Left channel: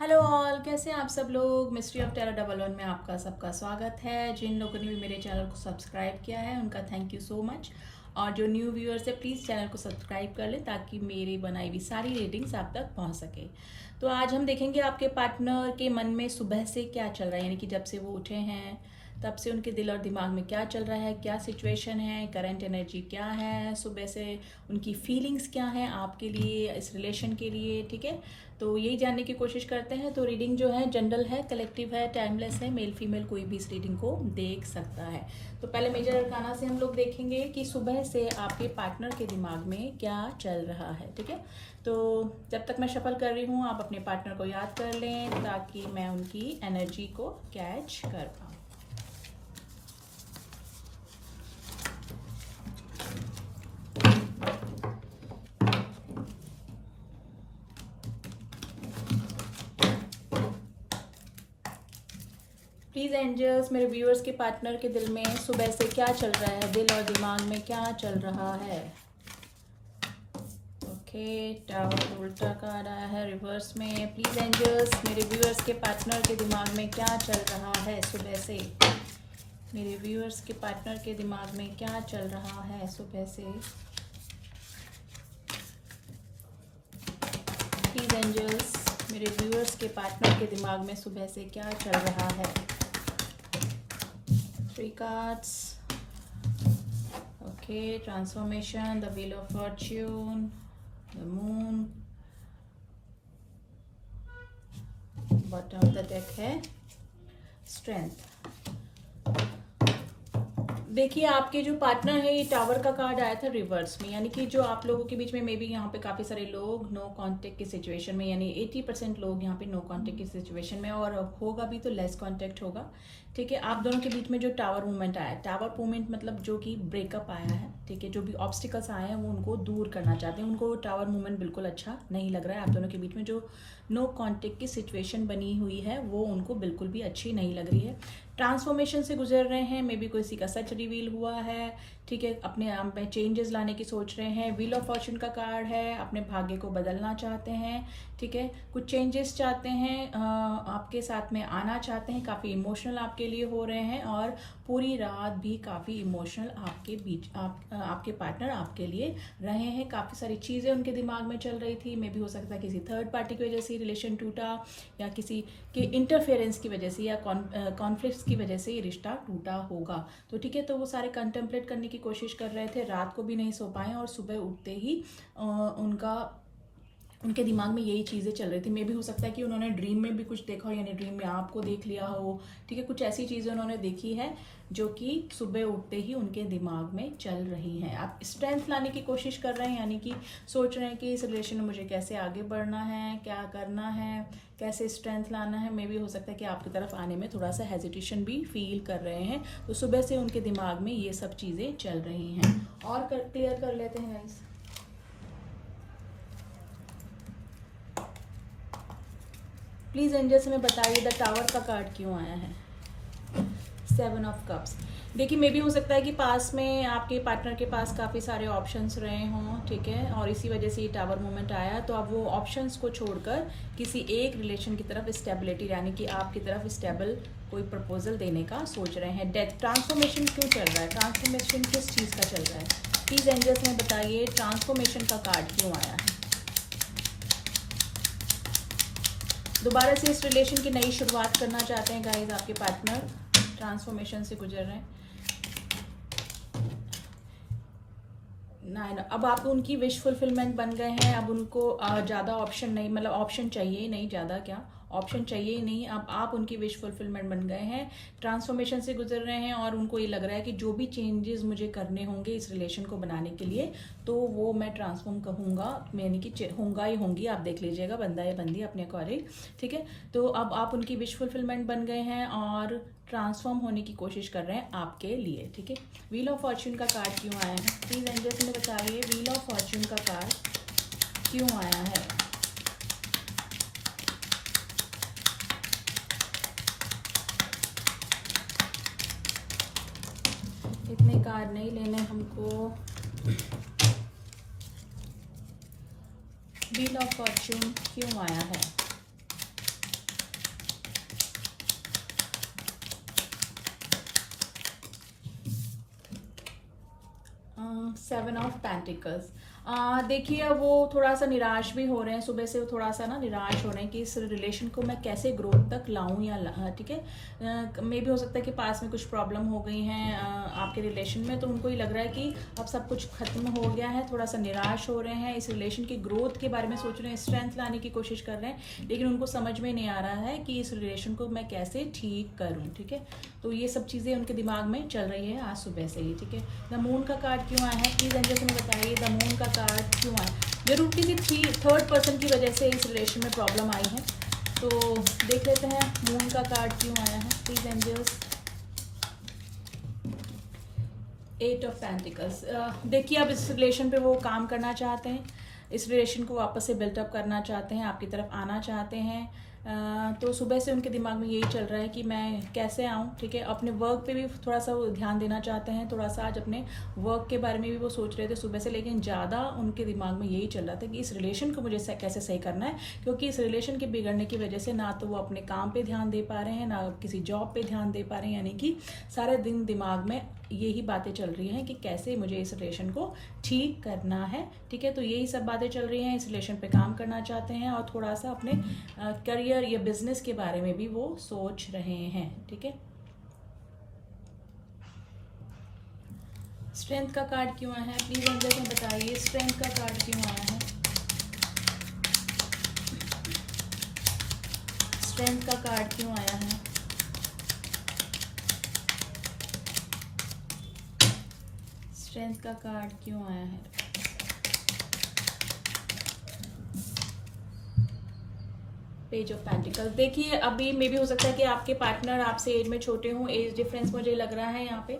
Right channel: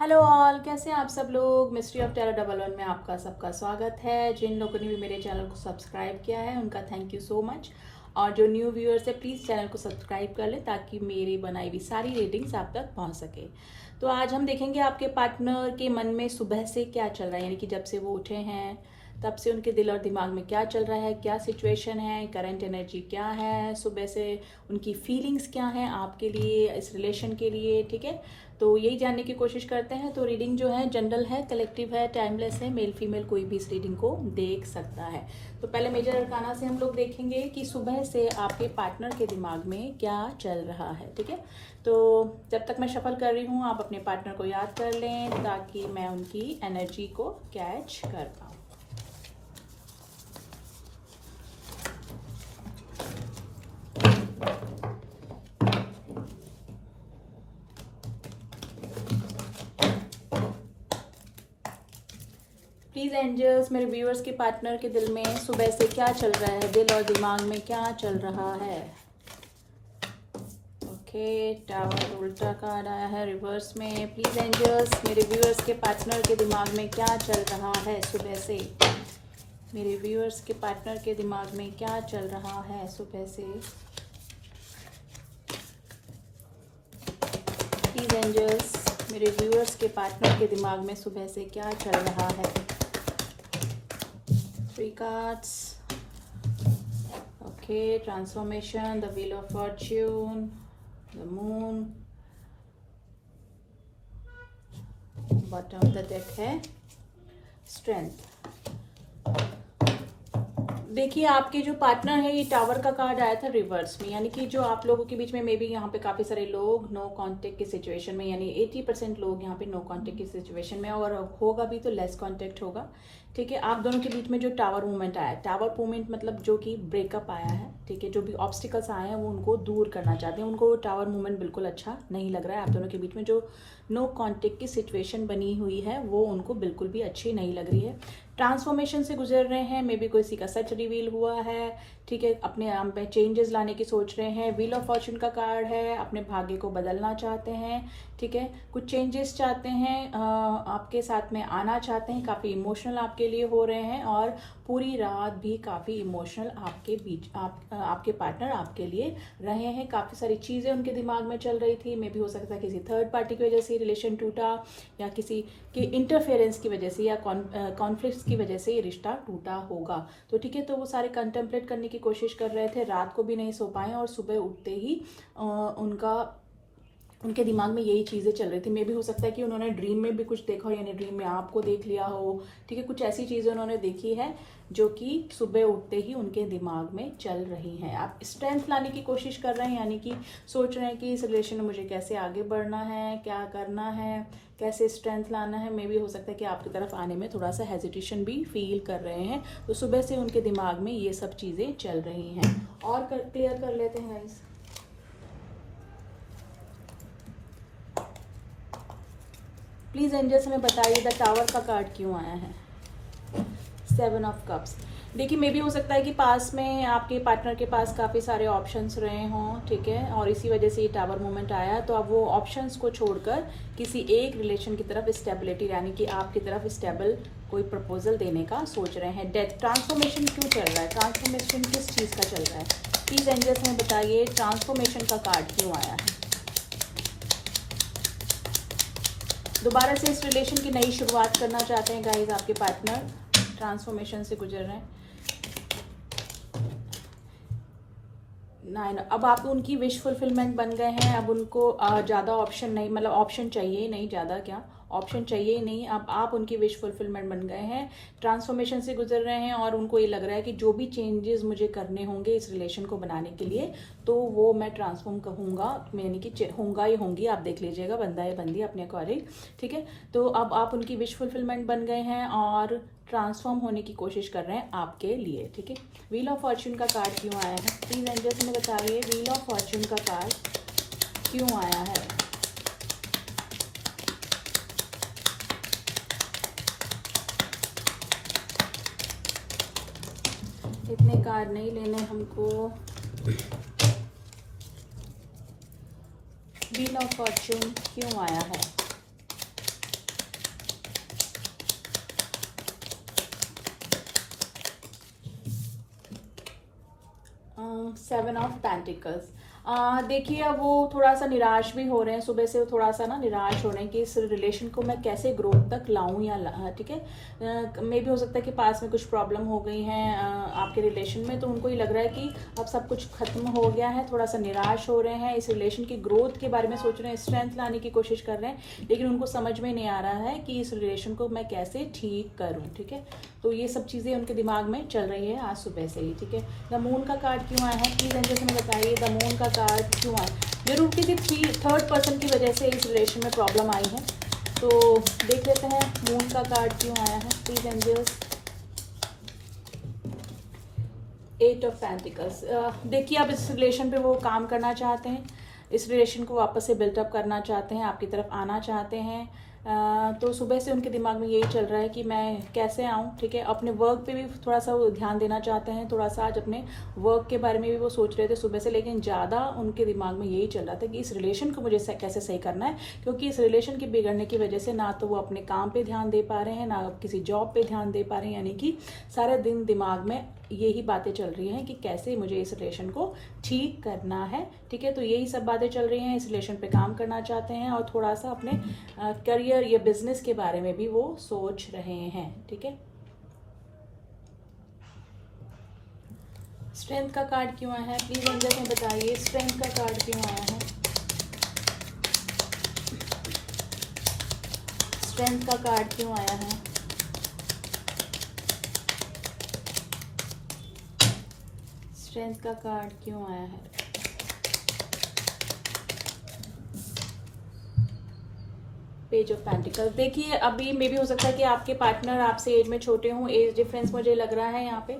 Hello all, कैसे हैं आप सब लोग। Mystery of terror double one में आपका सबका स्वागत है। जिन लोगों ने भी मेरे चैनल को सब्सक्राइब किया है उनका थैंक यू सो मच। और जो न्यू व्यूअर्स है प्लीज़ चैनल को सब्सक्राइब कर लें ताकि मेरी बनाई हुई सारी रेटिंग्स आप तक पहुंच सके। तो आज हम देखेंगे आपके पार्टनर के मन में सुबह से क्या चल रहा है, यानी कि जब से वो उठे हैं तब से उनके दिल और दिमाग में क्या चल रहा है, क्या सिचुएशन है, करंट एनर्जी क्या है, सुबह से उनकी फीलिंग्स क्या हैं आपके लिए, इस रिलेशन के लिए। ठीक है, तो यही जानने की कोशिश करते हैं। तो रीडिंग जो है जनरल है, कलेक्टिव है, टाइमलेस है, मेल फीमेल कोई भी इस रीडिंग को देख सकता है। तो पहले मेजर अरकाना से हम लोग देखेंगे कि सुबह से आपके पार्टनर के दिमाग में क्या चल रहा है। ठीक है, तो जब तक मैं शफल कर रही हूँ आप अपने पार्टनर को याद कर लें ताकि मैं उनकी एनर्जी को कैच कर पाऊँ। प्लीज एंजल्स, मेरे व्यूअर्स के पार्टनर के दिल में सुबह से क्या चल रहा है, दिल और दिमाग में क्या चल रहा है। ओके, टावर उल्टा कार्ड आया है रिवर्स में। प्लीज एंजल्स, मेरे व्यूअर्स के पार्टनर के दिमाग में क्या चल रहा है सुबह से। मेरे व्यूअर्स के पार्टनर के दिमाग में क्या चल रहा है सुबह से। प्लीज एंजल्स, मेरे व्यूअर्स के पार्टनर के दिमाग में सुबह से क्या चल रहा है। 3 cards. Okay, transformation, the wheel of fortune, the moon, bottom of the deck है strength। देखिए आपके जो पार्टनर है, ये टावर का कार्ड आया था रिवर्स में, यानी कि जो आप लोगों के बीच में मे बी यहाँ पे काफी सारे लोग नो कांटेक्ट की सिचुएशन में, यानी 80% लोग यहाँ पे नो कांटेक्ट की सिचुएशन में, और होगा भी तो लेस कांटेक्ट होगा। ठीक है, आप दोनों के बीच में जो टावर मूवमेंट आया, टावर मूवमेंट मतलब जो कि ब्रेकअप आया है। ठीक है, जो भी ऑब्स्टिकल्स आए हैं वो उनको दूर करना चाहते हैं, उनको टावर मूवमेंट बिल्कुल अच्छा नहीं लग रहा है। आप दोनों के बीच में जो नो कांटेक्ट की सिचुएशन बनी हुई है वो उनको बिल्कुल भी अच्छी नहीं लग रही है। ट्रांसफॉर्मेशन से गुजर रहे हैं, मे बी किसी का सच रिवील हुआ है। ठीक है, अपने आप में चेंजेस लाने की सोच रहे हैं। व्हील ऑफ फॉर्चून का कार्ड है, अपने भाग्य को बदलना चाहते हैं। ठीक है, कुछ चेंजेस चाहते हैं, आपके साथ में आना चाहते हैं, काफी इमोशनल आपके लिए हो रहे हैं, और पूरी रात भी काफी इमोशनल आपके बीच आपके पार्टनर आपके लिए रहे हैं। काफी सारी चीजें उनके दिमाग में चल रही थी, मे भी हो सकता है किसी थर्ड पार्टी की वजह से रिलेशन टूटा, या किसी के इंटरफेरेंस की वजह से, या कॉन्फ्लिक्ट्स की वजह से ये रिश्ता टूटा होगा। तो ठीक है, तो वो सारे कंटेम्पलेट करने की कोशिश कर रहे थे, रात को भी नहीं सो पाए, और सुबह उठते ही उनके दिमाग में यही चीजें चल रही थी। मे भी हो सकता है कि उन्होंने ड्रीम में भी कुछ देखा हो, यानी ड्रीम में आपको देख लिया हो। ठीक है, कुछ ऐसी चीजें उन्होंने देखी है जो कि सुबह उठते ही उनके दिमाग में चल रही हैं। आप स्ट्रेंथ लाने की कोशिश कर रहे हैं, यानी कि सोच रहे हैं कि इस रिलेशन में मुझे कैसे आगे बढ़ना है, क्या करना है, कैसे स्ट्रेंथ लाना है। मे भी हो सकता है कि आपकी तरफ आने में थोड़ा सा हेजिटेशन भी फील कर रहे हैं। तो सुबह से उनके दिमाग में ये सब चीजें चल रही हैं। और क्लियर कर लेते हैं गाइस। प्लीज एंजल्स हमें बताइए द टावर का कार्ड क्यों आया है। 7 ऑफ कप्स। देखिए, मे भी हो सकता है कि पास में आपके पार्टनर के पास काफ़ी सारे ऑप्शंस रहे हों। ठीक है, और इसी वजह से ये टावर मूवमेंट आया। तो अब वो ऑप्शंस को छोड़कर किसी एक रिलेशन की तरफ स्टेबिलिटी, यानी कि आपकी तरफ स्टेबल कोई प्रपोजल देने का सोच रहे हैं। डेथ, ट्रांसफॉर्मेशन क्यों चल रहा है, ट्रांसफॉर्मेशन किस चीज़ का चल रहा है। प्लीज एंजल्स हमें बताइए ट्रांसफॉर्मेशन का कार्ड क्यों आया है। दोबारा से इस रिलेशन की नई शुरुआत करना चाहते हैं गाइज आपके पार्टनर, ट्रांसफॉर्मेशन से गुजर रहे हैं। 9, अब आप उनकी विश फुलफिलमेंट बन गए हैं। अब उनको ज़्यादा ऑप्शन नहीं, मतलब ऑप्शन चाहिए ही नहीं, ज़्यादा क्या ऑप्शन चाहिए ही नहीं। अब आप उनकी विश फुलफिलमेंट बन गए हैं, ट्रांसफॉर्मेशन से गुजर रहे हैं, और उनको ये लग रहा है कि जो भी चेंजेस मुझे करने होंगे इस रिलेशन को बनाने के लिए, तो वो मैं ट्रांसफॉर्म कहूँगा, यानी कि होंगा ही होंगी। आप देख लीजिएगा, बंदा है बंदी अपने अकॉर्डिंग। ठीक है, तो अब आप उनकी विश फुलफिलमेंट बन गए हैं और ट्रांसफॉर्म होने की कोशिश कर रहे हैं आपके लिए। ठीक है, व्हील ऑफ फॉर्चून का कार्ड क्यों आया है। प्लीज एंजल्स में बताइए व्हील ऑफ फॉर्चून का कार्ड क्यों आया है। इतने कार्ड नहीं लेने हमको। व्हील ऑफ फॉर्चून क्यों आया है। Seven of pentacles. देखिए अब वो थोड़ा सा निराश भी हो रहे हैं, सुबह से वो थोड़ा सा ना निराश हो रहे हैं कि इस रिलेशन को मैं कैसे ग्रोथ तक लाऊं या ठीक है। मे भी हो सकता है कि पास में कुछ प्रॉब्लम हो गई हैं आपके रिलेशन में, तो उनको ये लग रहा है कि अब सब कुछ खत्म हो गया है, थोड़ा सा निराश हो रहे हैं, इस रिलेशन की ग्रोथ के बारे में सोच रहे हैं, स्ट्रेंथ लाने की कोशिश कर रहे हैं, लेकिन उनको समझ में नहीं आ रहा है कि इस रिलेशन को मैं कैसे ठीक करूँ। ठीक है, तो ये सब चीज़ें उनके दिमाग में चल रही है आज सुबह से ही। ठीक है, द मून का कार्ड क्यों आया है प्लीज एंजल्स हमें बताइए, द मून का कार्ड क्यों आया? जरूर किसी थर्ड पर्सन की वजह से इस रिलेशन में प्रॉब्लम आई है, तो देख लेते हैं मून का कार्ड क्यों आया है please angels. Eight of pentacles. देखिए अब इस रिलेशन पे वो काम करना चाहते हैं, इस रिलेशन को वापस से बिल्टअप करना चाहते हैं, आपकी तरफ आना चाहते हैं। तो सुबह से उनके दिमाग में यही चल रहा है कि मैं कैसे आऊँ। ठीक है, अपने वर्क पे भी थोड़ा सा वो ध्यान देना चाहते हैं, थोड़ा सा आज अपने वर्क के बारे में भी वो सोच रहे थे सुबह से, लेकिन ज़्यादा उनके दिमाग में यही चल रहा था कि इस रिलेशन को मुझे कैसे सही करना है, क्योंकि इस रिलेशन के बिगड़ने की वजह से ना तो वो अपने काम पे ध्यान दे पा रहे हैं, ना किसी जॉब पे ध्यान दे पा रहे हैं, यानी कि सारा दिन दिमाग में यही बातें चल रही हैं कि कैसे मुझे इस रिलेशन को ठीक करना है। ठीक है, तो यही सब बातें चल रही हैं, इस रिलेशन पे काम करना चाहते हैं और थोड़ा सा अपने करियर या बिजनेस के बारे में भी वो सोच रहे हैं। ठीक है, स्ट्रेंथ का कार्ड क्यों आया है प्लीज एंजल्स में बताइए, स्ट्रेंथ का कार्ड क्यों आया है? स्ट्रेंथ का कार्ड क्यों आया है? स्ट्रेंथ का कार्ड क्यों आया है? Page of pentacles. देखिए अभी मे भी हो सकता है कि आपके पार्टनर आपसे एज में छोटे हों, एज डिफरेंस मुझे लग रहा है यहाँ पे।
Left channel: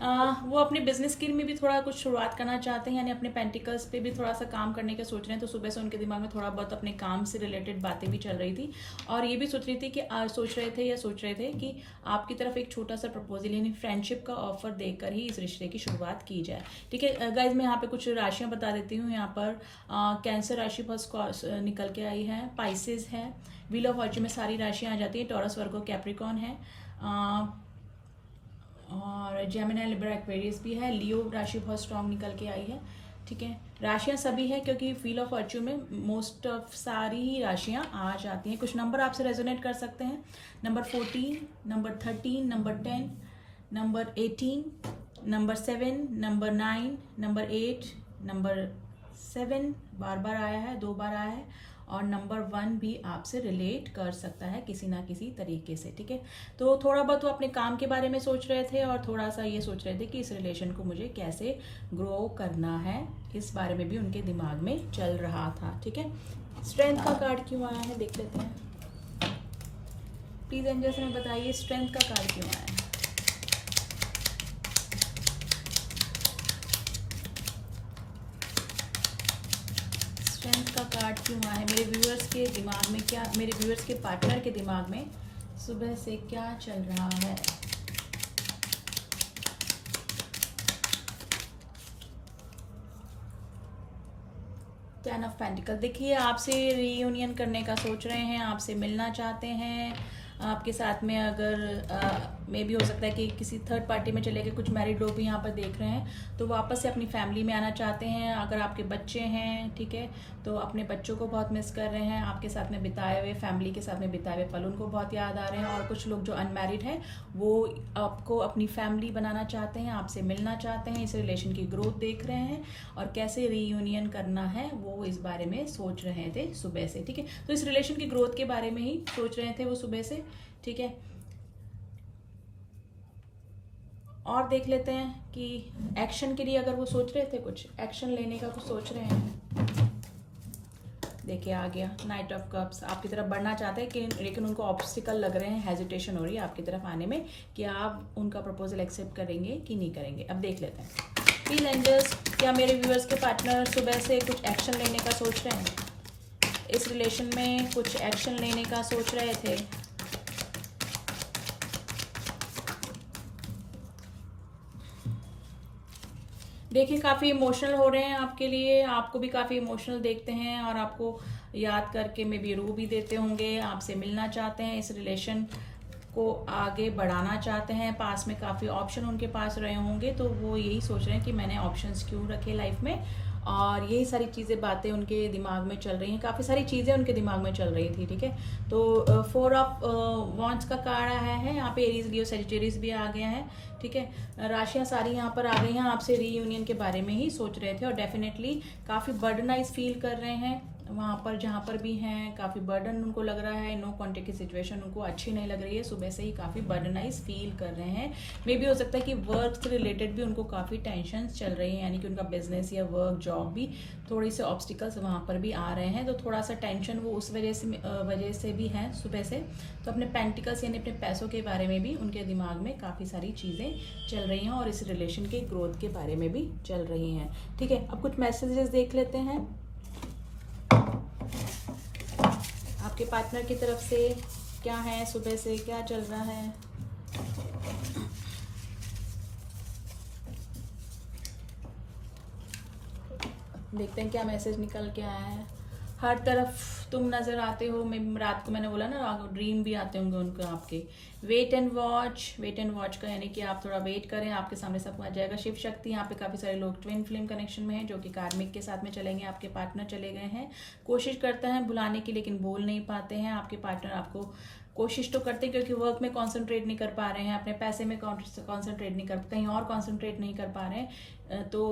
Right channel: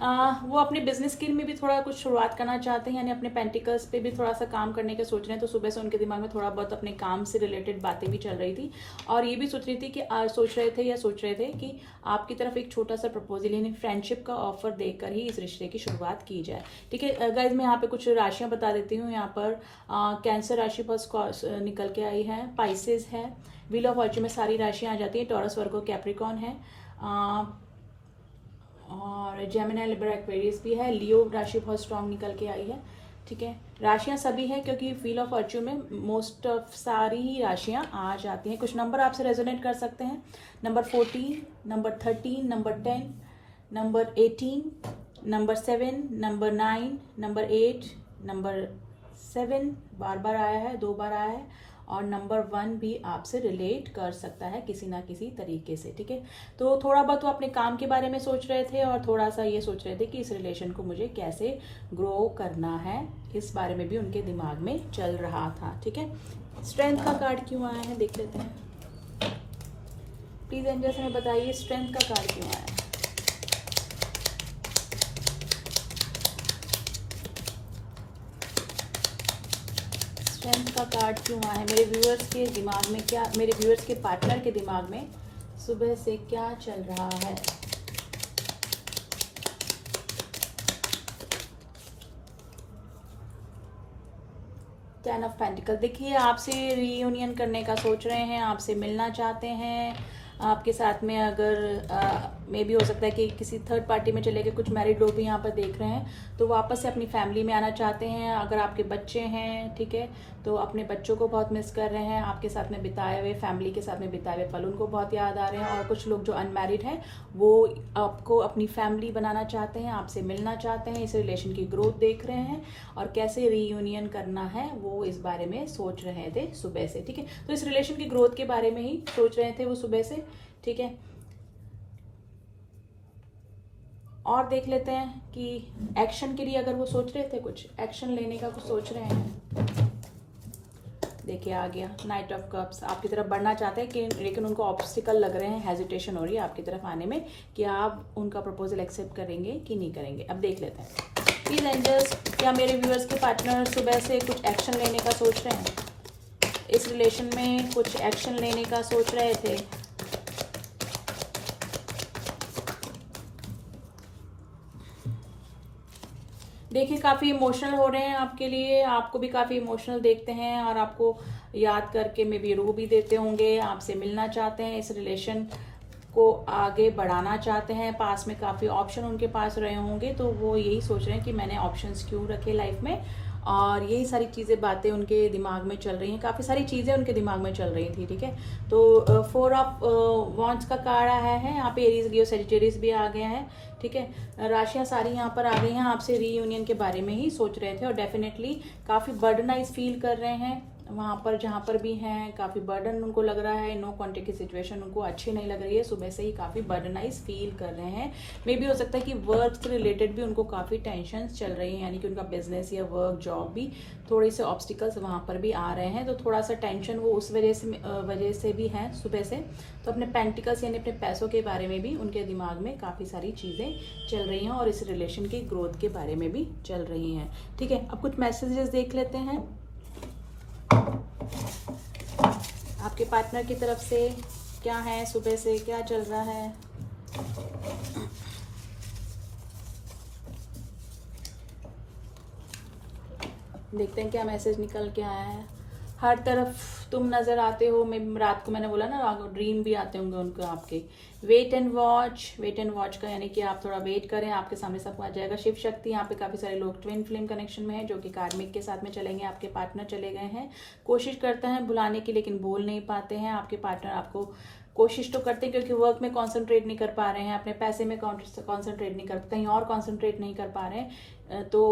वो अपने बिजनेस के में भी थोड़ा कुछ शुरुआत करना चाहते हैं, यानी अपने पेंटिकल्स पे भी थोड़ा सा काम करने का सोच रहे हैं, तो सुबह से उनके दिमाग में थोड़ा बहुत अपने काम से रिलेटेड बातें भी चल रही थी और ये भी सोच रही थी कि सोच रहे थे कि आपकी तरफ एक छोटा सा प्रपोजल यानी फ्रेंडशिप का ऑफर देकर ही इस रिश्ते की शुरुआत की जाए। ठीक है गाइज, मैं यहाँ पे कुछ राशियां बता देती हूँ। यहाँ पर कैंसर राशि फर्स्ट निकल के आई है, पाइसेस है, व्हील ऑफ फॉर्च्यून में सारी राशियां आ जाती है, टॉरस वर्गो कैप्रिकॉन है और जेमिनी लिब्रा एक्वेरियस भी है, लियो राशि बहुत स्ट्रांग निकल के आई है। ठीक है, राशियां सभी है क्योंकि व्हील ऑफ फॉर्च्यून में मोस्ट ऑफ सारी ही राशियां आ जाती हैं। कुछ नंबर आपसे रेजोनेट कर सकते हैं, number 14, number 13, number 10, number 18, number 7, number 9, number 8, number 7 बार बार आया है, 2 बार आया है और नंबर 1 भी आपसे रिलेट कर सकता है किसी ना किसी तरीके से। ठीक है, तो थोड़ा बहुत वो अपने काम के बारे में सोच रहे थे और थोड़ा सा ये सोच रहे थे कि इस रिलेशन को मुझे कैसे ग्रो करना है, इस बारे में भी उनके दिमाग में चल रहा था। ठीक है, स्ट्रेंथ का कार्ड क्यों आया है देख लेते हैं प्लीज एंजल्स हमें बताइए, स्ट्रेंथ का कार्ड क्यों आया है? स्ट्रेंथ का कार्ड क्यों आया है? मेरे व्यूअर्स के दिमाग में क्या, मेरे व्यूअर्स के पार्टनर के दिमाग में सुबह से क्या चल रहा है? Ten of pentacle. देखिए आपसे रीयूनियन करने का सोच रहे हैं, आपसे मिलना चाहते हैं, आपके साथ में अगर मे भी हो सकता है कि किसी थर्ड पार्टी में चले गए, कुछ मैरिड लोग भी यहाँ पर देख रहे हैं, तो वापस से अपनी फैमिली में आना चाहते हैं। अगर आपके बच्चे हैं, ठीक है, तो अपने बच्चों को बहुत मिस कर रहे हैं, आपके साथ में बिताए हुए, फैमिली के साथ में बिताए हुए पल उनको बहुत याद आ रहे हैं। और कुछ लोग जो अनमैरिड हैं वो आपको अपनी फैमिली बनाना चाहते हैं, आपसे मिलना चाहते हैं, इस रिलेशन की ग्रोथ देख रहे हैं और कैसे रीयूनियन करना है वो इस बारे में सोच रहे थे सुबह से। ठीक है, तो इस रिलेशन की ग्रोथ के बारे में ही सोच रहे थे वो सुबह से। ठीक है, और देख लेते हैं कि एक्शन के लिए अगर वो सोच रहे थे, कुछ एक्शन लेने का कुछ सोच रहे हैं। देखिए आ गया नाइट ऑफ कप्स, आपकी तरफ बढ़ना चाहते हैं कि लेकिन उनको ऑब्स्टिकल लग रहे हैं, हेजिटेशन हो रही है आपकी तरफ आने में कि आप उनका प्रपोजल एक्सेप्ट करेंगे कि नहीं करेंगे। अब देख लेते हैं प्लीज एंजल्स, क्या मेरे व्यूअर्स के पार्टनर सुबह से कुछ एक्शन लेने का सोच रहे हैं, इस रिलेशन में कुछ एक्शन लेने का सोच रहे थे? देखिए काफ़ी इमोशनल हो रहे हैं आपके लिए, आपको भी काफ़ी इमोशनल देखते हैं और आपको याद करके मे बी रो भी देते होंगे, आपसे मिलना चाहते हैं, इस रिलेशन को आगे बढ़ाना चाहते हैं, पास में काफ़ी ऑप्शन उनके पास रहे होंगे, तो वो यही सोच रहे हैं कि मैंने ऑप्शंस क्यों रखे लाइफ में, और यही सारी चीज़ें बातें उनके दिमाग में चल रही हैं, काफ़ी सारी चीज़ें उनके दिमाग में चल रही थी, ठीक है। तो 4 ऑफ वॉन्ड्स का कार्ड आया है, यहाँ पे एरीज लियो सेजिटेरियस भी आ गए हैं, ठीक है। राशियाँ सारी यहाँ पर आ गई हैं, आपसे रीयूनियन के बारे में ही सोच रहे थे, और डेफिनेटली काफ़ी बर्डनाइज फील कर रहे हैं वहाँ पर जहाँ पर भी हैं, काफ़ी बर्डन उनको लग रहा है, नो कॉन्टेक्ट की सिचुएशन उनको अच्छी नहीं लग रही है, सुबह से ही काफ़ी बर्डनाइज फील कर रहे हैं। मे भी हो सकता है कि वर्क से रिलेटेड भी उनको काफ़ी टेंशन चल रही है, यानी कि उनका बिजनेस या वर्क जॉब भी थोड़े से ऑब्स्टिकल्स वहाँ पर भी आ रहे हैं, तो थोड़ा सा टेंशन वो उस वजह से भी है सुबह से। तो अपने पेंटिकल्स यानी अपने पैसों के बारे में भी उनके दिमाग में काफ़ी सारी चीज़ें चल रही हैं, और इस रिलेशन की ग्रोथ के बारे में भी चल रही हैं, ठीक है। अब कुछ मैसेजेस देख लेते हैं आपके पार्टनर की तरफ से क्या है, सुबह से क्या चल रहा है। देखते हैं क्या मैसेज निकल के आया है। हर तरफ तुम नजर आते हो, मैं रात को मैंने बोला ना, ड्रीम भी आते होंगे उनको आपके। वेट एंड वॉच का यानी कि आप थोड़ा वेट करें, आपके सामने सब आ जाएगा। शिव शक्ति, यहाँ पे काफी सारे लोग ट्विन फ्लेम कनेक्शन में हैं, जो कि कार्मिक के साथ में चलेंगे, आपके पार्टनर चले गए हैं, कोशिश करते हैं बुलाने की लेकिन बोल नहीं पाते हैं। आपके पार्टनर आपको कोशिश तो करते हैं, क्योंकि वर्क में कंसंट्रेट नहीं कर पा रहे हैं, अपने पैसे में कंसंट्रेट नहीं कर, कहीं और कंसंट्रेट नहीं कर पा रहे हैं, तो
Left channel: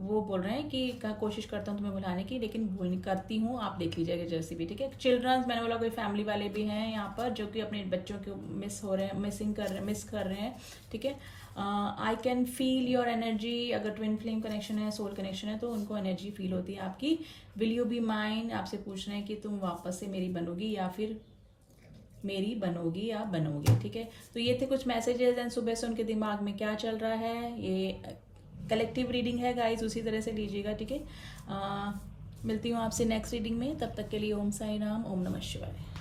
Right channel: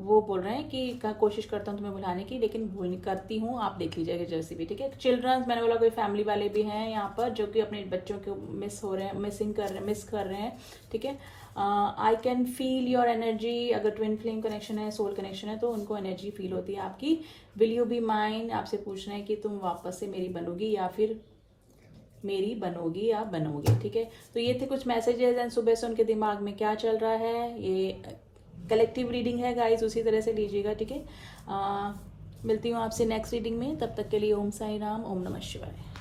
वो बोल रहे हैं कि कोशिश करता हूँ तुम्हें बुलाने की लेकिन भूल नहीं करती हूँ, आप देख लीजिएगा जैसे भी, ठीक है। चिल्ड्रंस, मैंने बोला कोई फैमिली वाले भी हैं यहाँ पर जो कि अपने बच्चों को मिस कर रहे हैं, ठीक है। I can feel your energy, अगर ट्विन फ्लेम कनेक्शन है, सोल कनेक्शन है, तो उनको एनर्जी फील होती है आपकी। विल यू बी माइन, आपसे पूछना है कि तुम वापस से मेरी बनोगी या फिर मेरी बनोगी या बनोगे, ठीक है। तो ये थे कुछ मैसेजेस, एंड सुबह से उनके दिमाग में क्या चल रहा है। ये कलेक्टिव रीडिंग है गाइस, उसी तरह से लीजिएगा, ठीक है। मिलती हूँ आपसे नेक्स्ट रीडिंग में, तब तक के लिए ओम साई राम, ओम नमः शिवाय।